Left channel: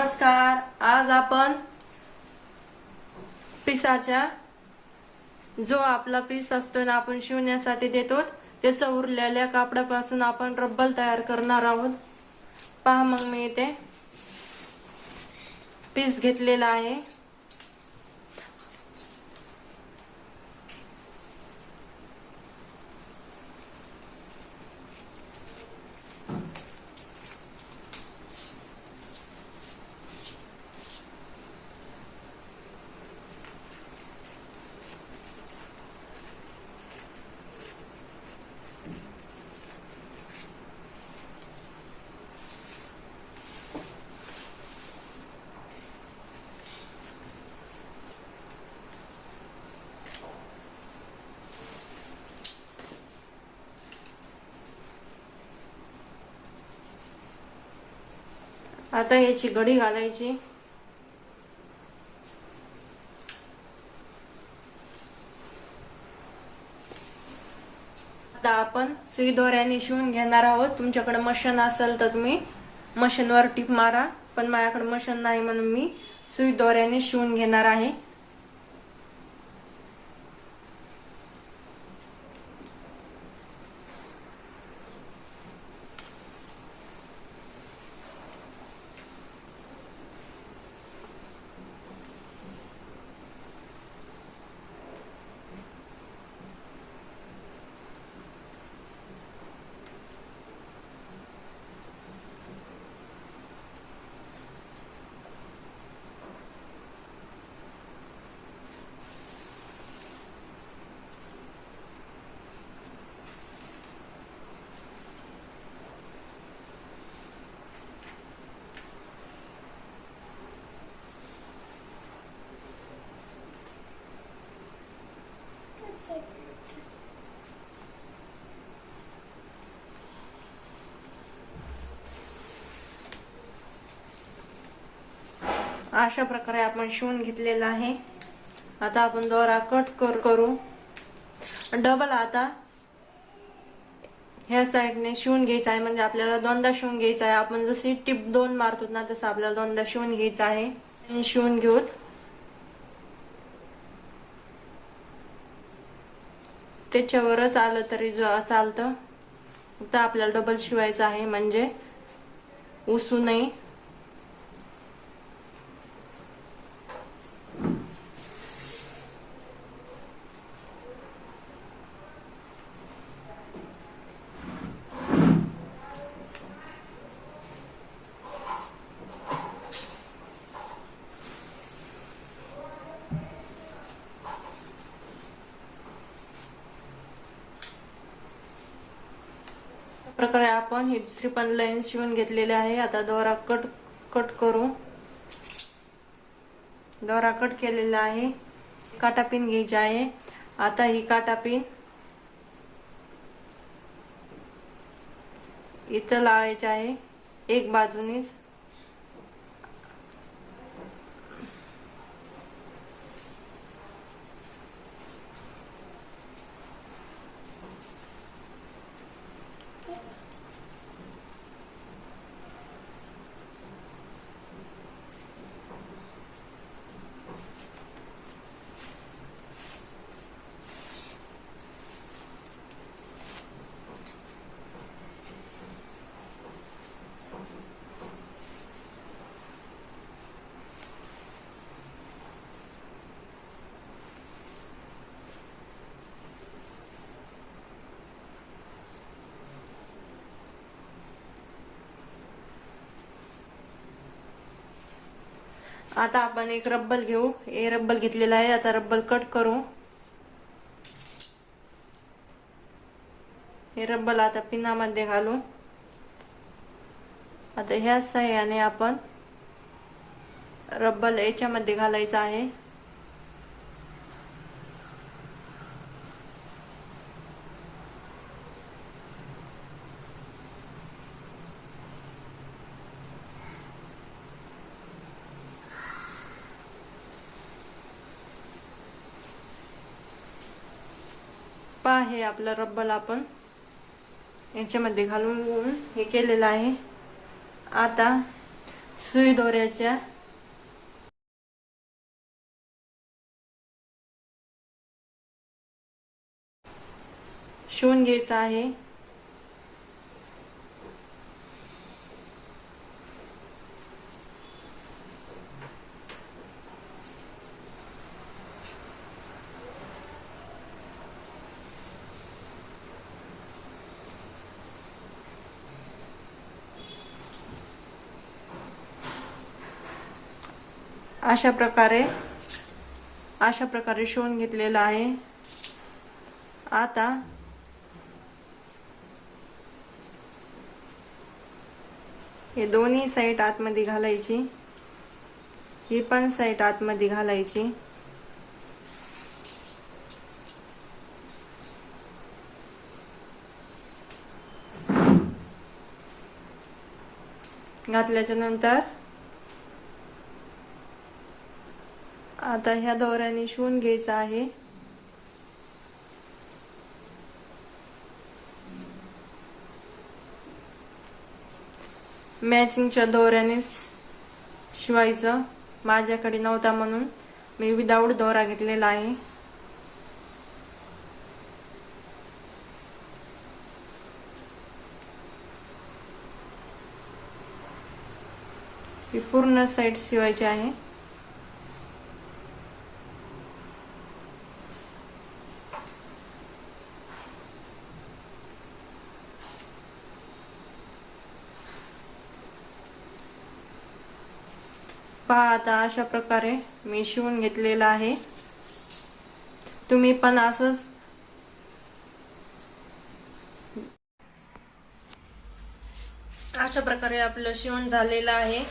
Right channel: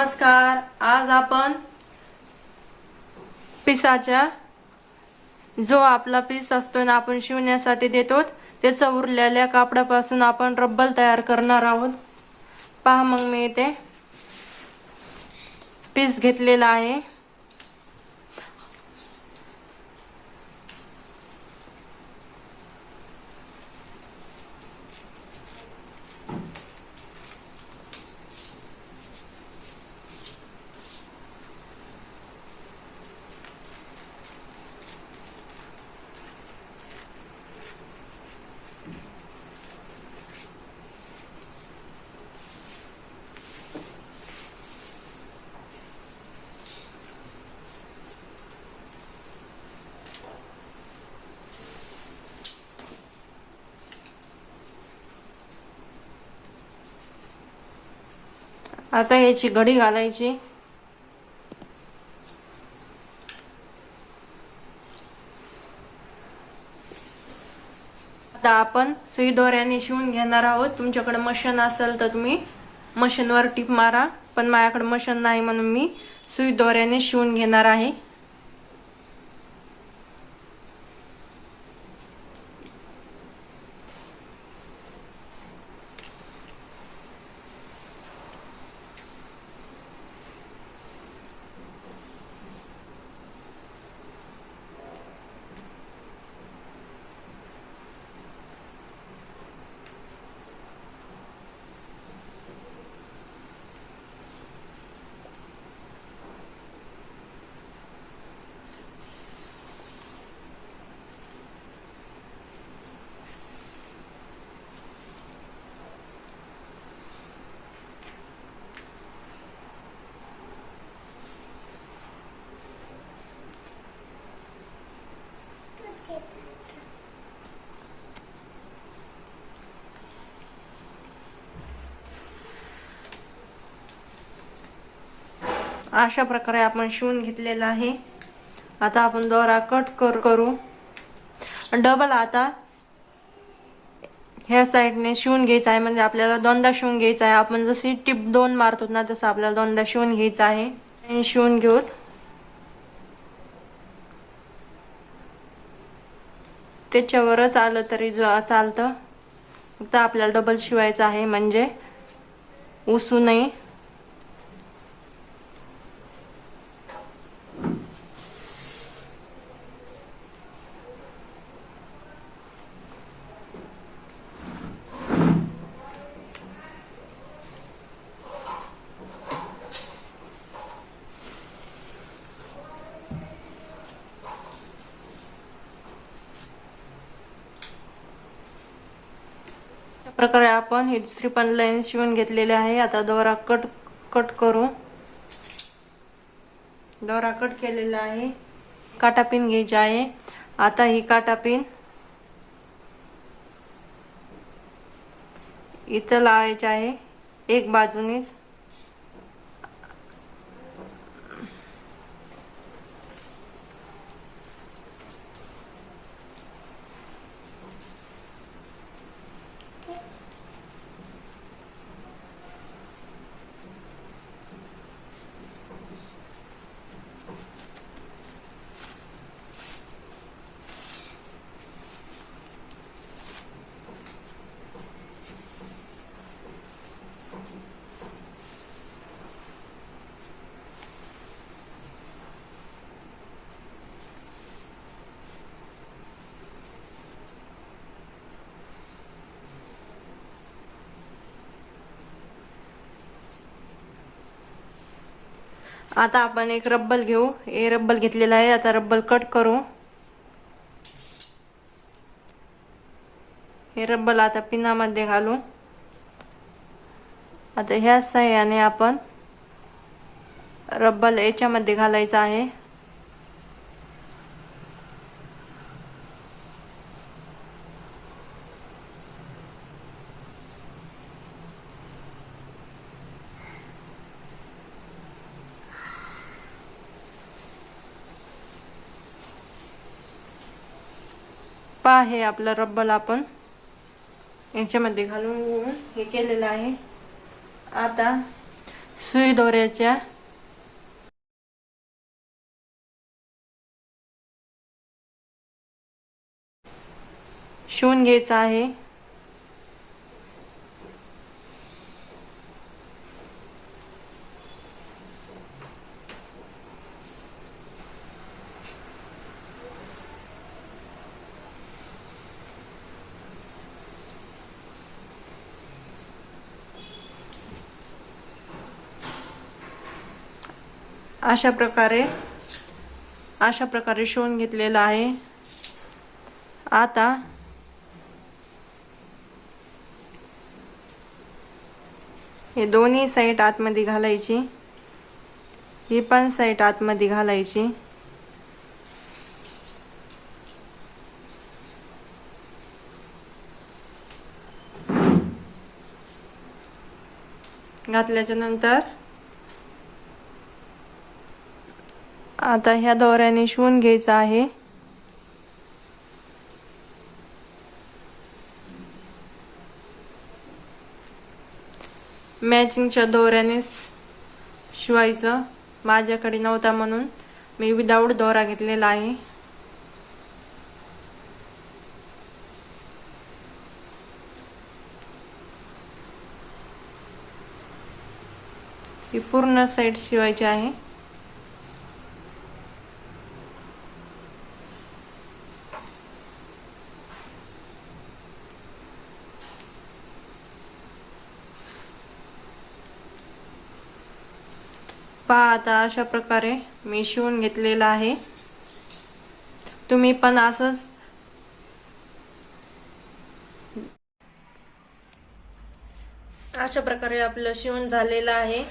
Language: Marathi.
नमस्कार आज आपण पिसाच्या जो आपला पीस असतो ना आपण शिवण्यासाठी देतो त्याचा उरलेल्या कापडापासून आपण रब्बल तयार करणार आहोत. पहा मग मी इथे पीस घेतलेला आहे. आता याची घडी घालायची. आता आपण सुई दोऱ्याने शिवून घेणार आहोत. तुमच्याकडे मशीन असेल तर तुम्ही मशीनवर टिप मारा. पण माझ्याकडे मशीन नाही म्हणून मी सुई दोऱ्याने शिवून घेणार आहे. अशा प्रकारे आपण शिवून घेतलेलं आहे. आता आपण दोरा कट कर करू. डबल आता ह्या साईडने शिवून घ्यायचं आहे. म्हणजे आपल्याला दोनदा शिवून घ्यायचा आहे. आपण जशी टिप दोन मारतो ना तसं आपल्याला दोनदा शिवून घ्यायचं आहे. आणि शिवून घेऊत त्याच्यावरच आलं तरी ज- चालतं. फक्त आपल्याला डबल शिवायचं आहे. म्हणजे उसू नये. प्रकारे आपण ही दुसरी पण लाईन शिवून घेतलेली आहे. आता दोरा कट कट करू. दोरा कट केलेला आहे. काटा पिन घ्यायची आहे. आता ही काटा पिन इथं लावायची आहे. एक बाजूनीच. आता आपण एक रब्बल घेऊ. हे रब्बल घेतलेला आहे. आता रब्बल कट करू. हे रब्बल आता पिनामध्ये घालू. आता ह्या सहाय्याने आपण रब्बल याच्यामध्ये घालायचं आहे. पहा आहे आपला रब्बल आपण. याच्यामध्ये घालून हे केलेलं आहे. आता सुई दोऱ्याच्या शिवून घ्यायचं आहे. अशा प्रकारे अशा प्रकारे शिवून घेतलेला आहे. आता हे दोन्ही साईड आतमध्ये घालायची. ही पण साईड आतमध्ये घालायची. घातल्याच्या नंतर आता ह्या दोऱ्याने शिवून घ्यायचं आहे. मॅचिंगच्या दोऱ्याने शिवायचं. माझ्याकडे नव्हता म्हणून मी विदाऊट दोरा घेतलेला आहे. ही पूर्ण साईड शिवायची आहे. पहा आता अशा प्रकारे मी शिवून घेतलेला आहे. तुम्ही पण असंच अशा प्रकारे आपलं शिवण झालेलं आहे.